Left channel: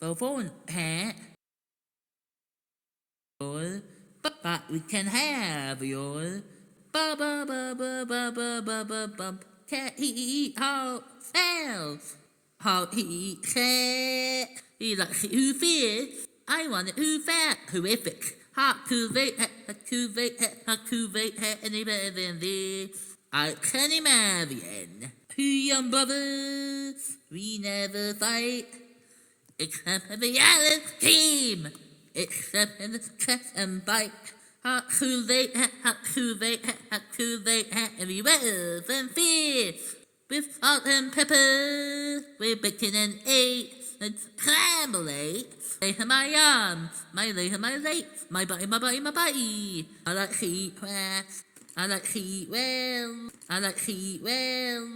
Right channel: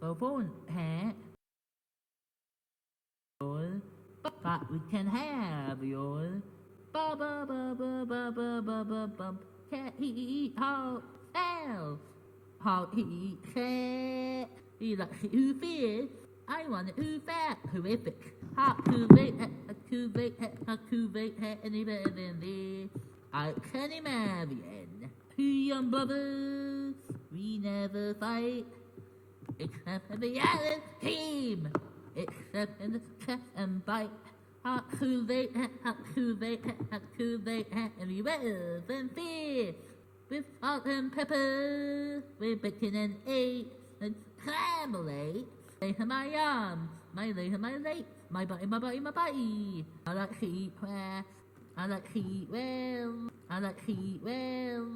phone hat. But we can have your cat he how how he cat he like who fears I want it who fat horrific hot to wait any better than this I can imagine who young brothers we never fight except for the other team except in the cat and bite. Hot too late, everywhere and fish. With salt and pepper, with bacon and eggs, and scrambled Lay to my arms, my legs, my body. I like heat well, I like heat well.